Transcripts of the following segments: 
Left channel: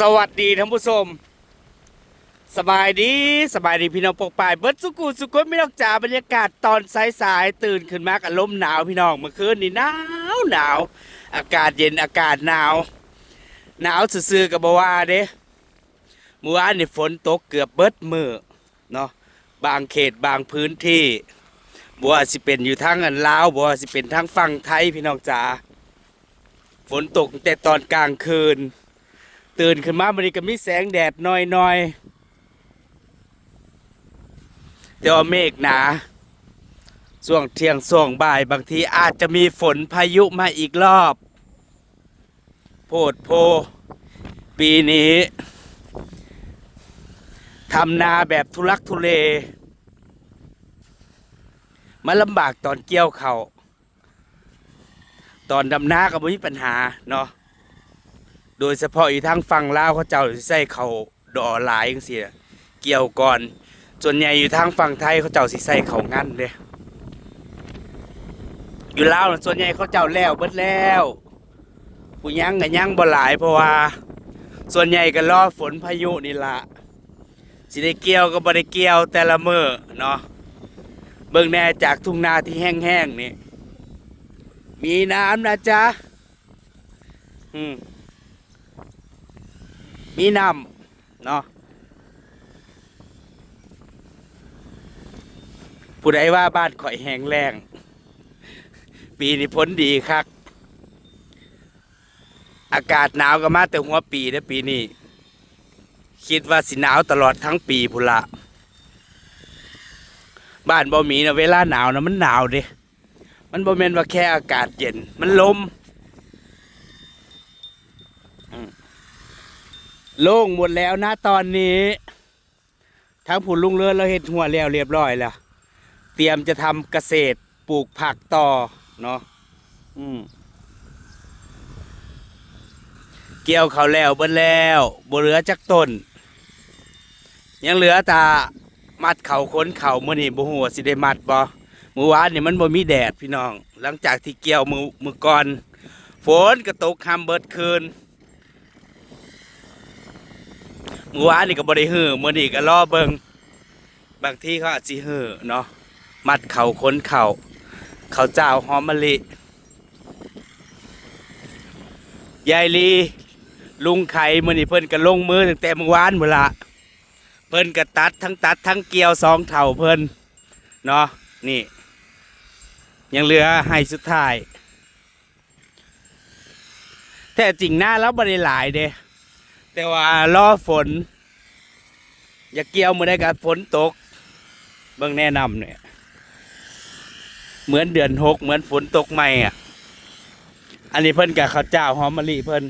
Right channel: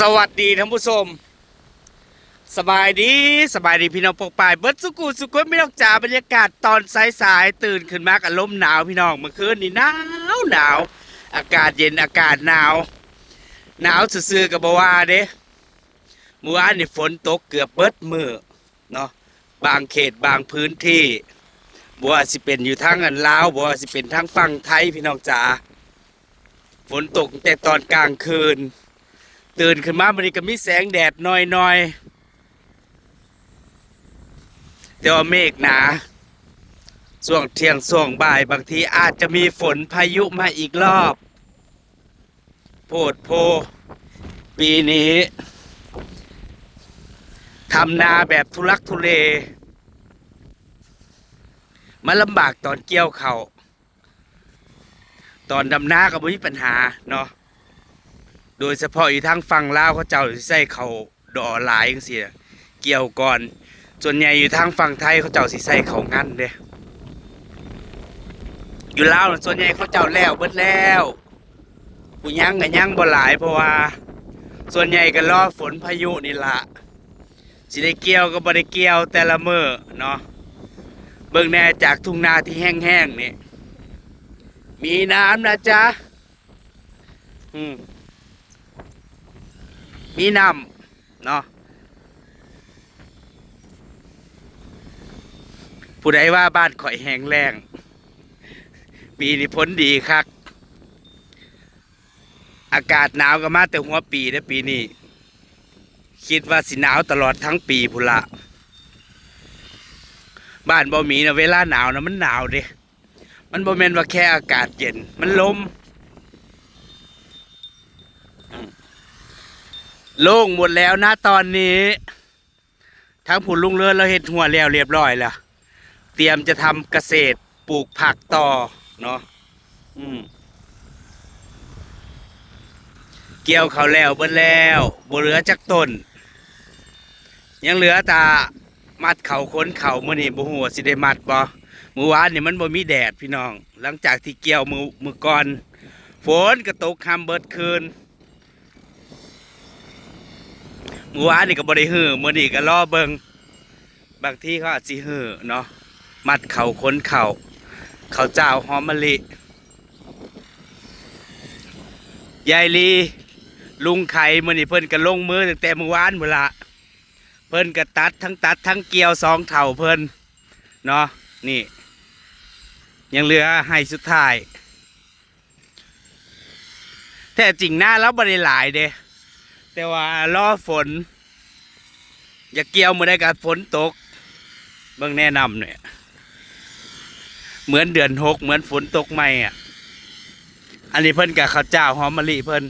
สวัสดีท่านผู้ชม สบายดีสบายดีพี่น้องปกปายเบิดสุกุสุกุไม่ต้องจ่าบรรยากาศตอนสายๆตื่นขึ้นมากับลมหนาวพี่น้องเมื่อคืนนี่หนาวหนาว อากาศเย็นอากาศหนาว หนาวซื่อๆกับบว่าเด้เมื่อวานนี่ฝนตกเกือบเบิดมือเนาะบางเขตบางพื้นที่บัวสิเป็นอยู่ทั้งอันลาวบัวสิเป็นทั้งฝั่งไทยพี่น้องจ๋าฝนตกแต่ตอนกลางคืน ตื่นขึ้นมามันก็มีแสงแดดหน้อยๆแต่ว่าเมฆหนาช่วงเที่ยงช่วงบ่ายบางทีอาจจะมีฝนพายุมาอีกรอบ โพดโพ ปีนี้ทำนาแบบทุลักทุเลมันลำบากตอนเกี่ยวเขาตอนดำนาก็ไม่มีปัญหาเนาะ โดยเฉพาะอีทางฝั่งลาวเขาเจ้าสิใส่เขาดอหลายจังซี่เกี่ยวก่อนส่วนใหญ่อยู่ทางฝั่งไทยเขาเจ้าสิใส่เขางั้นเลยอยู่ลาวนะส่วนใหญ่เขาเจ้าแล้วเบิดแล้วผู้ยังก็ยังบ่หลายเพราะว่า ส่วนใหญ่ก็รอฝนพายุนี่ละสิได้เกี่ยวก็บ่ได้เกี่ยวแต่ละมื้อเนาะเบิ่งแน่จากทุ่งนาที่แห้งๆนี่มีน้ำนะจ๊ะอืม มีน้ำเนาะผู้ใดว่าบ้านข่อยแห้งแล้งปีนี้พ้นดีคักอากาศหนาวก็มาแต่หัวปีนะปีนี้คิดว่าสิหนาวตลอดทั้งปีพุละบ้านบ่มีนะเวลาหนาวนะมันหนาวเด้มันบ่แม่นว่าแค่อากาศเย็น มันลม โล่งหมดแล้วนะตอนนี้ ทั้งผุนลุงเรือนเราเห็ดหัวแล้วเรียบร้อยแล้ว เตรียมจะทำเกษตรปลูกผักต่อเนาะอืมเกี่ยวเขาแล้วเบิ้แล้วบเหลือจักต้น ยังเหลือแตามัดเขาค้นเขาเมื่อนี่บ่หัวสิได้มัดบ่เมื่อวานนี่มันบ่มีแดดพี่น้อง หลังจากที่เกี่ยวมือมือก่อน ฝนก็ตกคำเบิดคืน เมื่อวานนี่ก็บ่ได้หื้อมื้อนี้ก็รอเบิงบางที่เขาอาจสิหื้อเนาะมัดเข่าค้นเข่าเขาเจ้าหอมมะลิยายลีลุงไข่มื้อนี้เพิ่นก็ลงมือตั้งแต่เมื่อวานพุ่นละเพิ่นก็ตัดทั้งตัดทั้งเกี่ยวสองเท่าเพิ่นเนาะนี่ ยังเหลือให้สุดท้ายแต่จริงหน้าแล้วบ่ได้หลายเด้ แต่ว่ารอฝน อย่าเกี่ยวมือได้กับฝนตกเบิ่งแนะนำเนี่ย เหมือนเดือนหกเหมือนฝนตกใหม่อะ อันนี้เพิ่นกับข้าวเจ้าหอมมะลิเพิ่น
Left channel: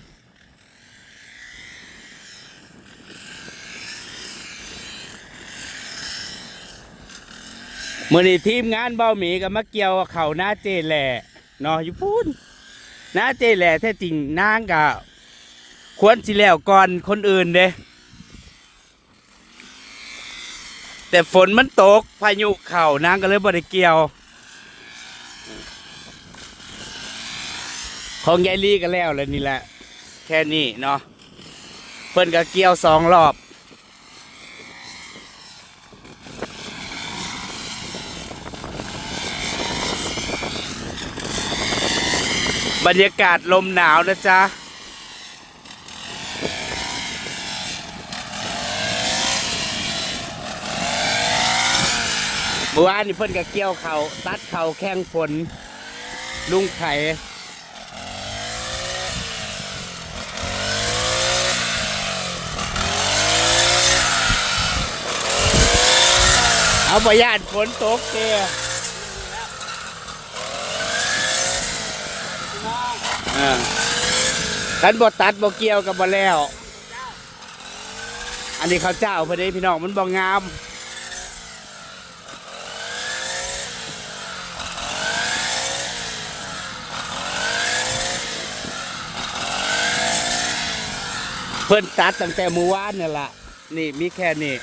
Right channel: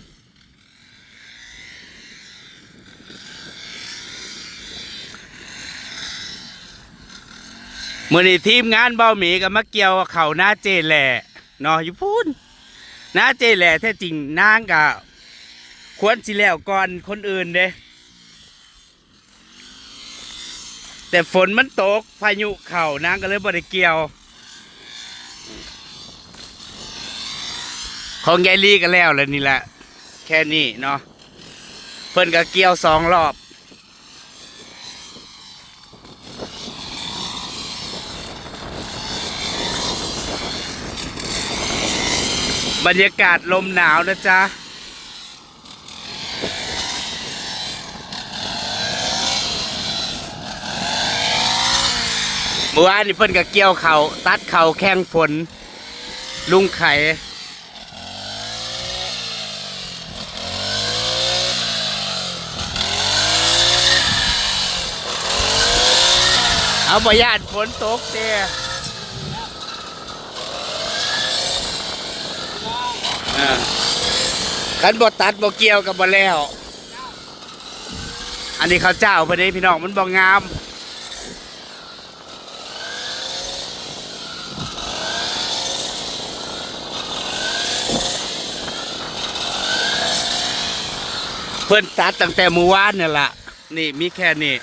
มื่อนี้ทีมงานเบ้าหมีกับมาเกียวเขาหน้าเจแหล่เนาะอยู่พูนหน้าเจแหล่แท้จริงนางกับ ควรสิแล้วก่อนคนอื่นเด้แต่ฝนมันตก พายุเข่านางก็เลยบ่ได้เกี่ยว ของยายลีก็แล้วแล้วนี่แหละ แค่นี้เนาะเพิ่นก็เกี่ยวสองรอบ บรรยากาศลมหนาวนะจ๊ะ มื่อวานนี่เพิ่นก็เกี่ยวเขาตัดเขาแข้งฝน ลุงไข่เอาประหยัดฝนตกเด้อ่าคันบ่ตัดบ่เกี่ยวกับบ่แล้ว อันนี้เขาวเจ้าพิ่นเด้พี่น้องมันบ่งาม เพิ่นตัดตั้งแต่เมื่อวานเนี่แหละนี่มีแค่นี้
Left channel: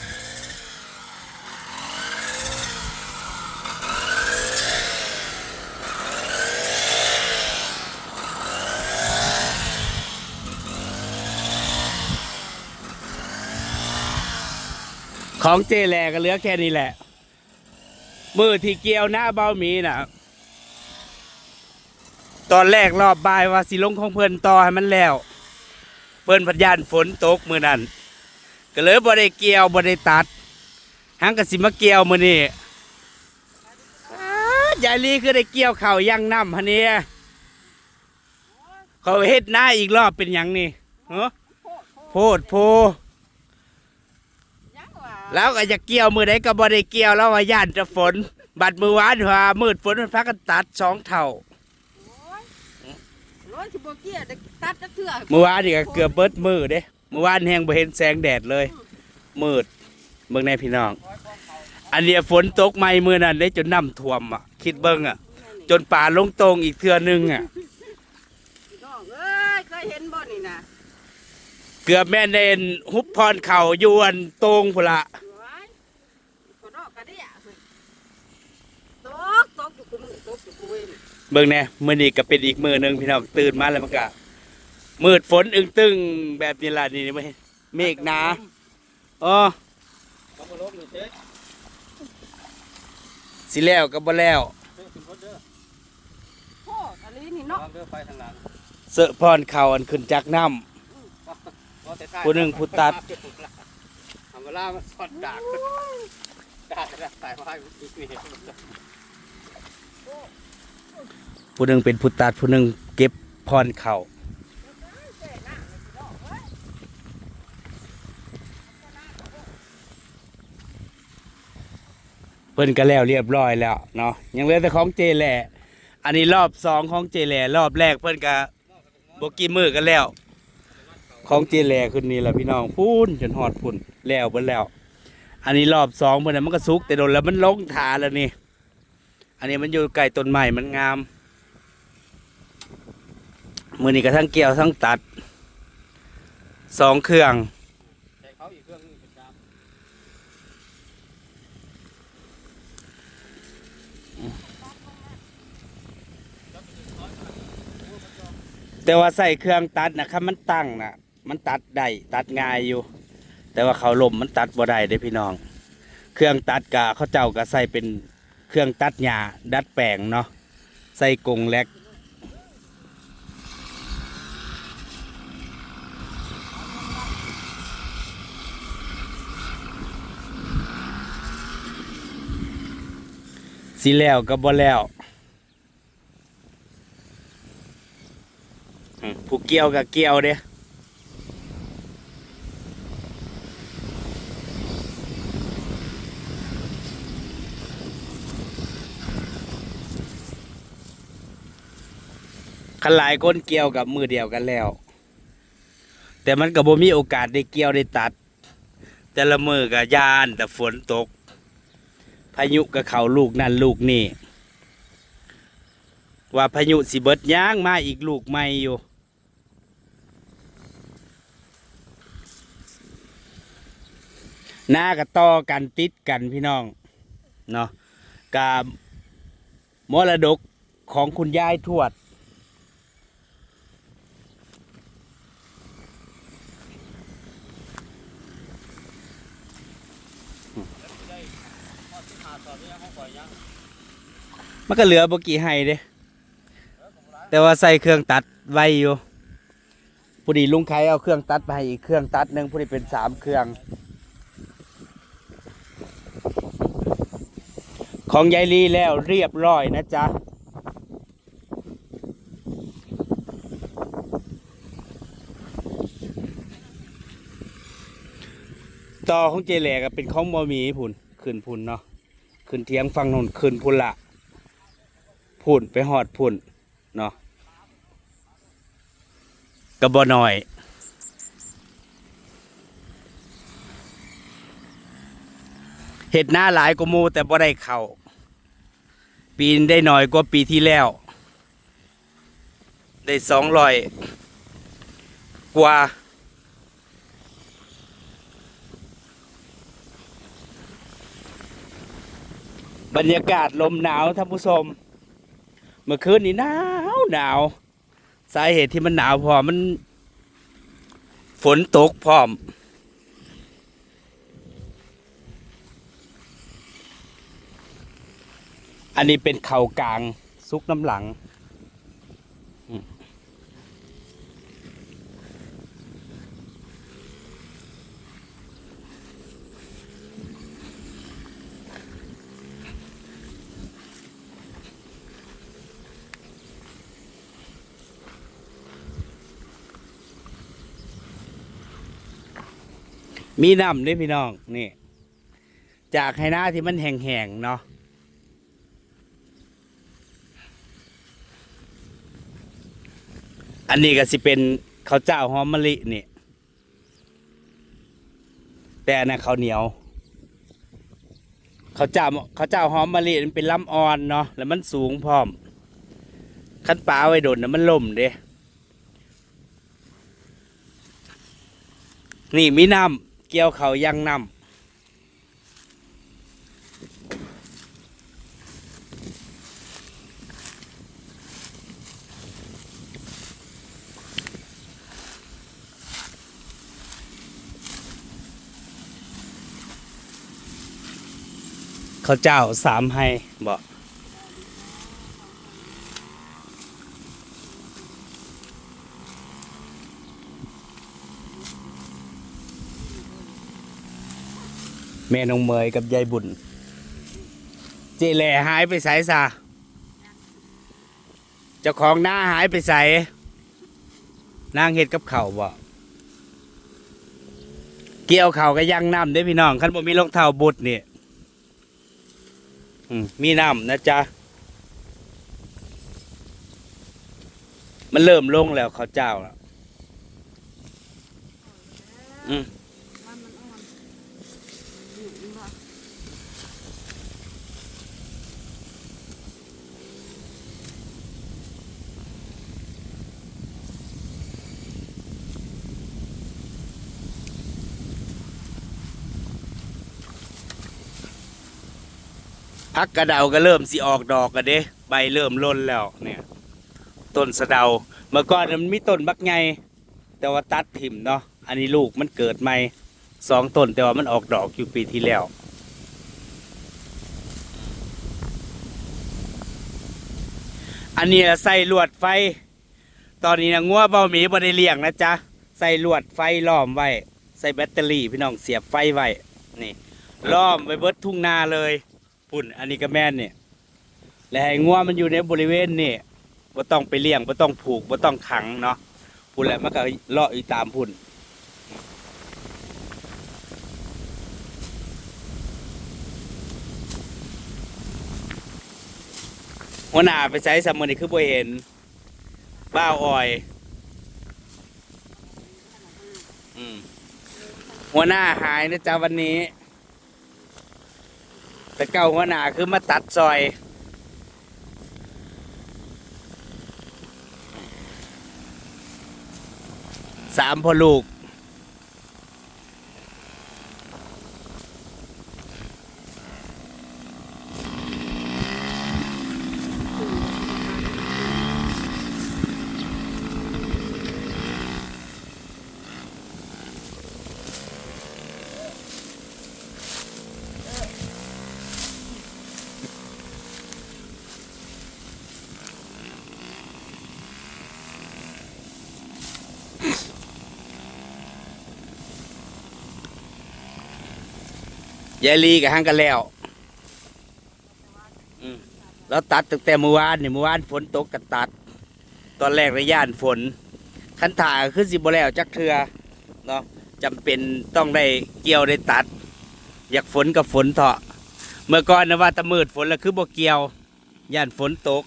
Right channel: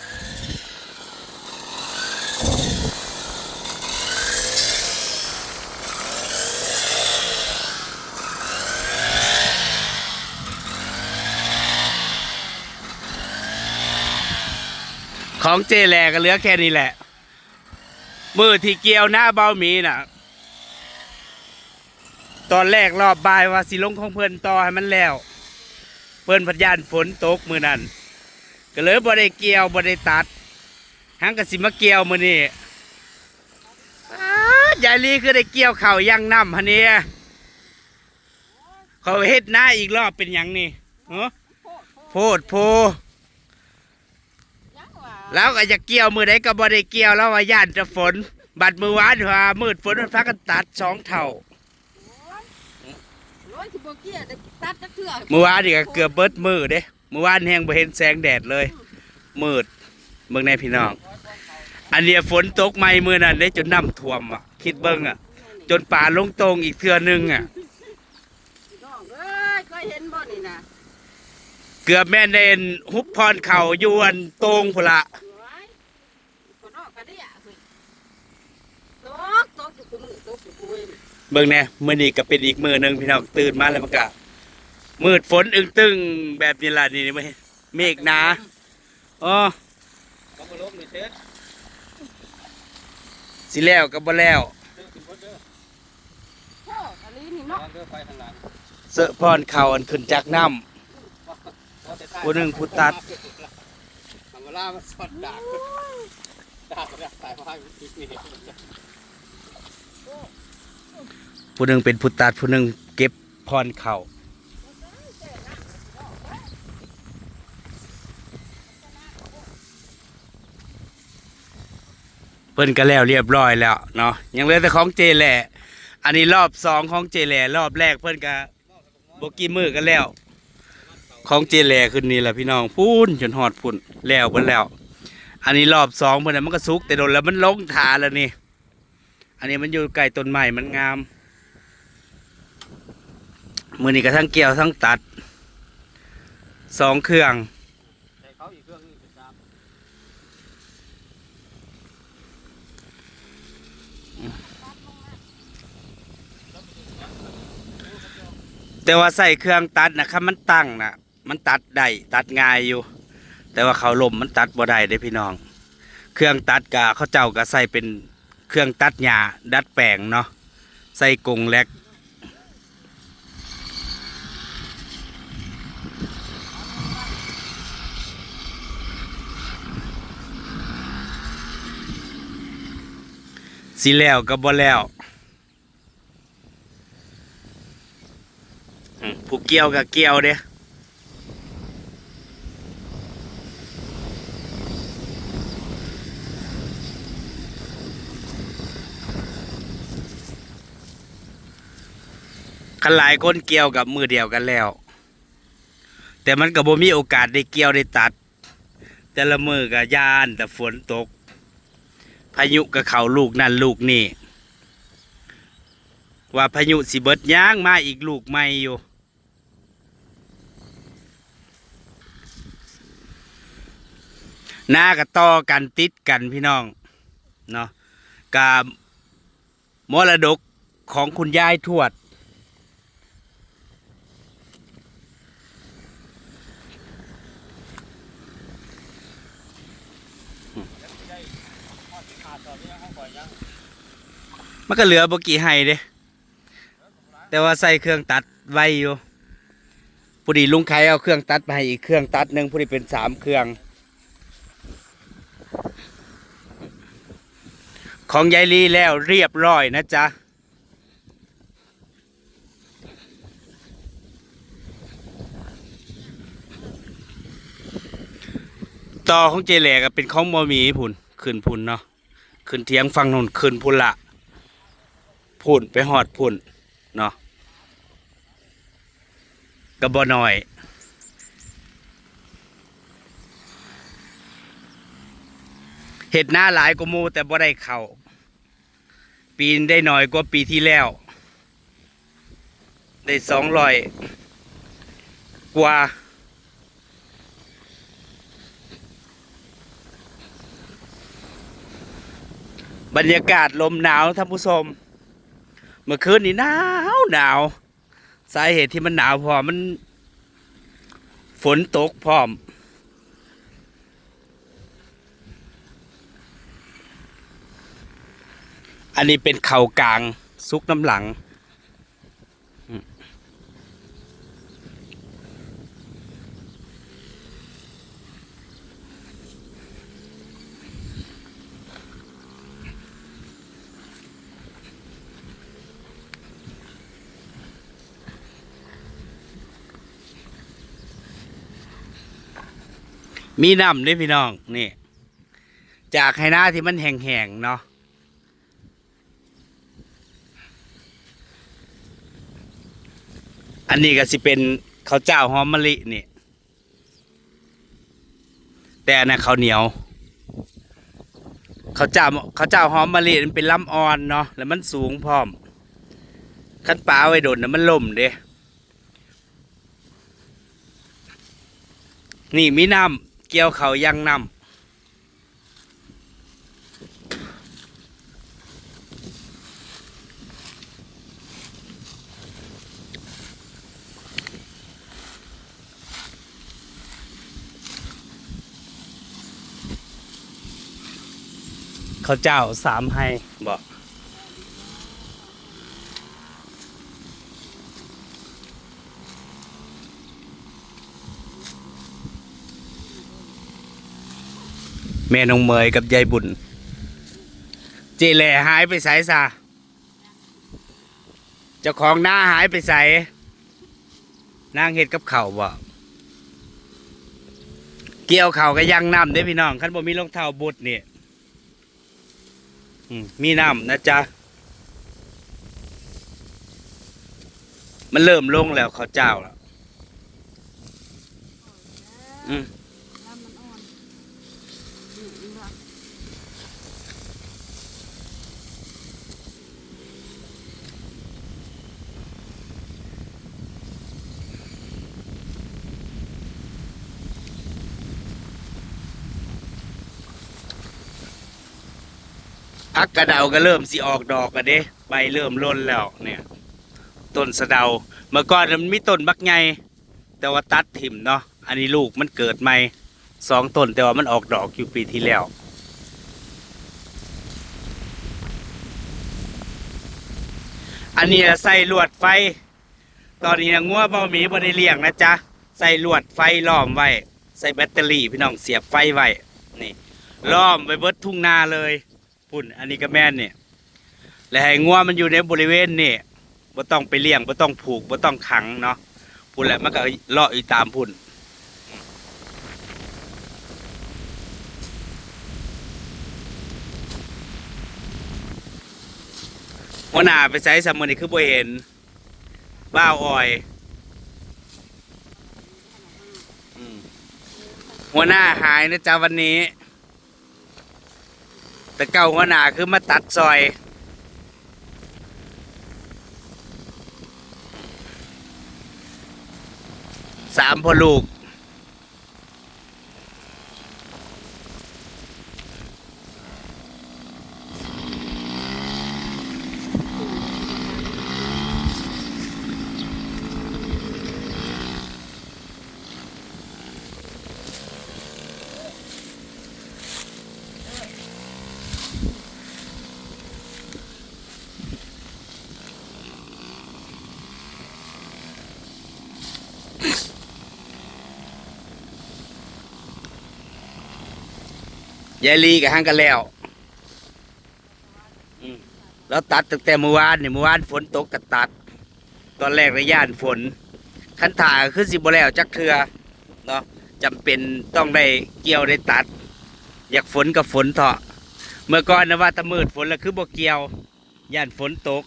ของเจแหลก็เหลือแค่นี้แหละ มือที่เกี่ยวหน้าเบาหมีน่ะ ตอนแรกรอบบายว่าสิลงของเพื่อนต่อให้มันแล้ว เพิ่นพัดยานฝนตกมือนั้นก็เลยบ่ได้เกี่ยวบ่ได้ตัดหังก็สิมาเกี่ยวมือนี้อ้ายายลีคือได้เกี่ยวเข่าวยังน้ำฮะเนี่ยเขาเฮ็ดหน้าอีกรอบเป็นหยังนี่เหรอโพดโพดโพดโพยังว่าแล้วก็จะเกี่ยวมือใดก็บ่ได้เกี่ยวแล้วว่าย่านจะฝน บัดมือวานว่ามืดฝนมันพักกันตัดสองเท่าโอ้ยร้อ ยสิบ่เกี้ยแต่ตัดจักเทื่อเมื่อวานนี่ก็เกือบเบิดมือเด้เมื่อวานแห้งบ่เห็นแสงแดดเลย มืดเบิ่งในพี่น้อง อันเนี้ยฝนตกใหม่มือนั้นได้จนน้ำท่วมอะ คิดเบิ่งอะ จนป่าลงตรงอีกเทื่อนึงอะ น้องเอ้ยเคยเห็นบ่นี่นะเกือบแม่นเดนฮุบพรเข่าอยวนตรงพุ่นละ โอ้ยคนนอกก็ได้อะเฮ้ยตกตกอยู่กูมือตกอยู่กูเว้ย เบิ่งแน่มื้อนี้ก็เป็นอีกมื้อหนึงพี่น้องตื่นมาแล้วมันก็มืดฝนอึ้งตึงแบบนี้ล่ะนี่ไม่เมฆหนาอ๋อเขาก็ลงนี่เช็ดสิแล้วก็บ่แล้วเด้อขึ้นรถเด้อโพดอันนี้นี่น้อเนาะงเด้อไปทางหลังเสอะพรเข่าอันขึ้นจากน้ำเอาแต่ท้ายผู้หนึ่งผู้ตัดเอาเวลามาสอดดากดากดากตายเพราะให้มันติดนี่ ผู้หนึ่งเป็นผู้ตัดผู้หนึ่งเก็บพรเข่าเพิ่นก็แล้วเรียบร้อยแล้วเนาะยังเหลือแต่ของเจแหล่อันนี้รอบสองของเจแหล่รอบแรกเพิ่นก็บกีมือกันแล้ว ของเจแหล่ขึ้นนี่แหละพี่น้องพูนจนหอดพุ่นแล้วเพิ่นแล้ว อันนี้รอบสองเพิ่นน่ะมันก็สุกแต่โดนแล้วมันลงถาแล้วนี่ อันนี้มันอยู่ใกล้ต้นไม้มันงาม มือนี้ก็ทั้งเกี่ยวทั้งตัดสองเครื่องแต่ว่าใส่เครื่องตัดนะครับมันตั้งนะมันตัดได้ตัดง่ายอยู่ แต่ว่าเขาลมมันตัดบ่ได้เด้พี่น้อง เครื่องตัดกะเขาเจ้าก็ใส่เป็นเครื่องตัดหญ้าดัดแปลงเนาะใส่กงแลก สิแล้วก็บ่แล้วอืมผู้เกี่ยวกับเกี่ยวเด้คันหลายคนเกี่ยวกับมือเดียวกันแล้ว แต่มันก็บ่มีโอกาสได้เกี่ยวได้ตัด แต่ละมือก็ยานแต่ฝนตก พายุกับเขาลูกนั่นลูกนี่ ว่าพายุสิเบิดย่างมาอีกลูกใหม่อยู่ หน้ากับต่อกันติดกันพี่น้องเนาะกับมรดกของคุณยายทวด มันก็เหลือบกี่ไห้เด้แต่ว่าใส่เครื่องตัดไว้อยู่พอดีลุงไข่เอาเครื่องตัดมาให้อีกเครื่องตัดหนึ่งพอดีเป็นสามเครื่อง ของยายลีแล้วเรียบร้อยนะจ๊ะต่อของเจแหลก็เป็นของมอมีพุ่นขึ้นพุ่นเนาะ ขึ้นเทียงฟังนนขึ้นพุ่นละพุ่นไปหอดพุ่นเนาะก็บ่น้อยเห็ดหน้าหลายกว่ามูแต่บ่ได้เข่าปีนได้หน้อยกว่าปีที่แล้ว ได้สองร้อยกว่า บรรยากาศลมหนาวท่านผู้ชมเมื่อคืนนี้หนาวหนาวสาเหตุที่มันหนาวพอมัน ฝนตกพร้อม อันนี้เป็นเขากลางซุกน้ำหลัง มีน้ำด้วยพี่น้องนี่ จากไฮนาที่มันแห้งๆเนาะอันนี้ก็สิเป็นข้าวเจ้าหอมมะลินี่แต่นนั้นข้าวเหนียวข้าวเจ้าข้าวเจ้าหอมมะลิมันเป็นลำอ่อนเนาะแล้วมันสูงพร้อมคันปลาเอาไว้โดนนะมันล่มเด้นี่มีน้ำ เกี่ยวเขาวยังน้ำข้าวเจ้าสามให้บอก แม่นองเมยกับยายบุญ เจแหล่หายไปใสซะเจ้าของหน้าหายไปใสนางเห็ดกับเข่าบ่เกี่ยวเข่าก็ยังน้ำได้พี่น้องคันบ่มีรองเท้าบุดนี่มีน้ำนะจ๊ะ มันเริ่มลงแล้วเขาเจ้าแล้วอืม น้ำมันอ่อนอยู่อีกเหรอ พักกระเดาก็เริ่มสิออกดอกกันเด้ใบเริ่มร่นแล้วเนี่ย ต้นสะเดาเมื่อก่อนมันมีต้นบักไงแต่ว่าตัดถิ่มเนาะอันนี้ลูกมันเกิดใหม่สองต้นแต่ว่ามันออกดอกอยู่ปีที่แล้วอันนี้ใส่ลวดไฟ ตอนนี้นะงัวเบาหมีบ่ได้เลี้ยงนะจ๊ะ ใส่ลวดไฟล้อมไว้ ใส่แบตเตอรี่พี่น้องเสียบไฟไว้ นี่ล้อมไว้เบิดทุ่งนาเลย พุ่นอันนี้ก็แม่นเนี่ยและให้งัวมันอยู่ในบริเวณนี่บ่ต้องไปเลี้ยงบ่ต้องผูกบ่ต้องขังเนาะพุ่นแหละมันก็เลาะอยู่ตามพุ่นหัวหน้าไปใช้สมุนนี่คือบ่เห็นบ้าวออยหัวหน้าหายนะจ๊ะวันนี้ แต่เก่าหัวหน้าคือมาตัดซอยสามพ่อลูก ยายลีกับห้างกันแล้วอืมแล้วตัดตั้งแต่เมื่อวานเนี่ยเมื่อวานฝนตกก็ตัด ตอนแรกระย่านฝน คันถ่าคือสิบแล้วจักเทือเนาะจำเป็นต้องได้เกี่ยวได้ตัด อยากฝนกับฝนเถาะ เมื่อก่อนนะว่าแตะมืดฝนแล้วคือบ่เกี่ยว ย่านฝนตก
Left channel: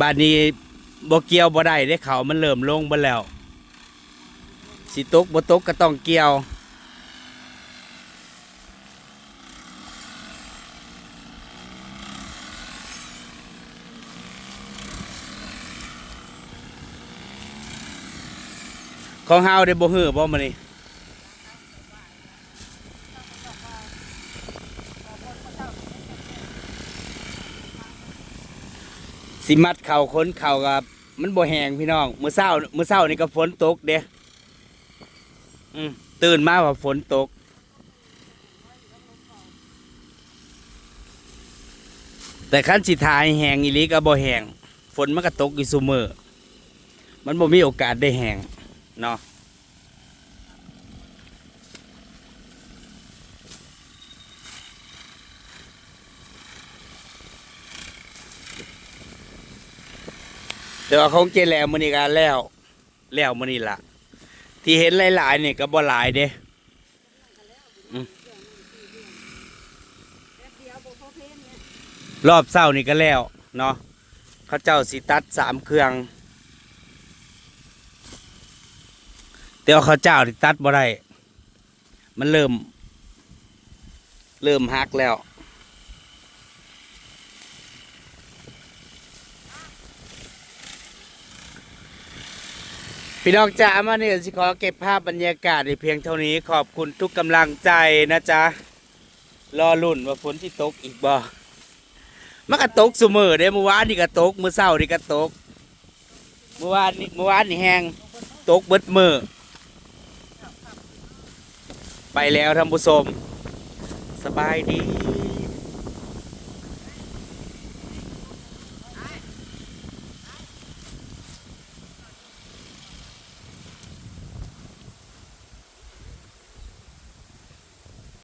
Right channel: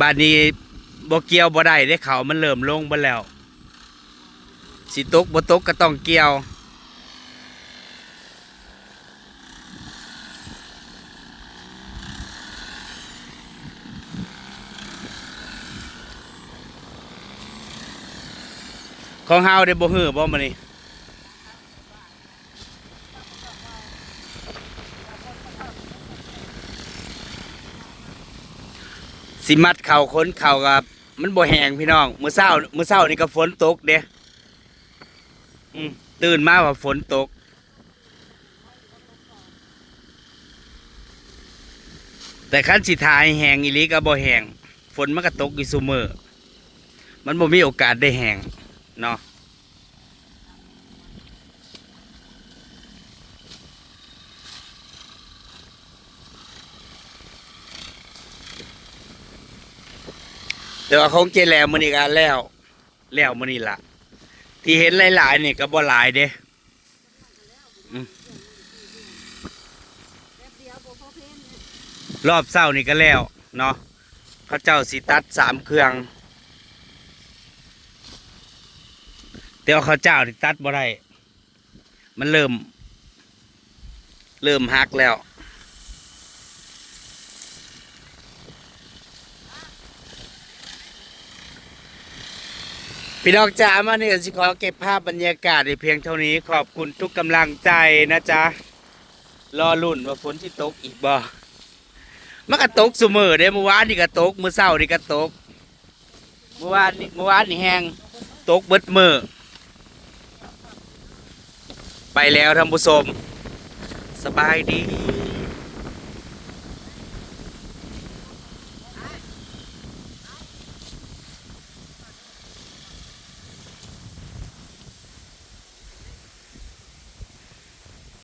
บ้านนี้บ่เกี่ยวบ่ได้ได้เขามันเริ่มลงบ่แล้ว สิตกบ่ตกก็ต้องเกี่ยว ของเฮาได้บ่ฮือบ่มื้อนี้สิมัดเข่าค้นเข่ากับ มันบ่แหงพี่น้องมื้อเช้ามื้อเช้านี่ก็ฝนตกเด้อืมตื่นมาว่าฝนตก แต่คันสิทายแหงอีลีก็บ่แหงฝนมันก็ตกอยู่ซุมือมันบ่มีโอกาสได้แหง เนาะแต่ว่าของเจแล้วมื้อนี้ก็แล้ว แล้วมื้อนี้ล่ะที่เห็นหลายๆนี่ก็บ่หลายเด้อรอบเศร้านี่ก็แล้ว เนาะเขาเจ้าสิตัดสามเครื่อง แต่ว่าเขาเจ้าที่ตัดบ่ได้ มันเริ่ม เริ่มหักแล้ว พี่น้องจ๋ามาเนี่ยสิขอเก็บภาพบรรยากาศในเพียงเท่านี้ขอบคุณทุกกำลังใจนะจ๊ะ รอลุ่นว่าฝนที่ตกอีกบ่มันก็ตกเสมอเด้เมื่อวานนี่ก็ตกเมื่อเช้านี่ก็ตกเมื่อวานนี่เมื่อวานนี่แห้งตกเบิดมือ ไปแล้วท่านผู้ชม สบายดี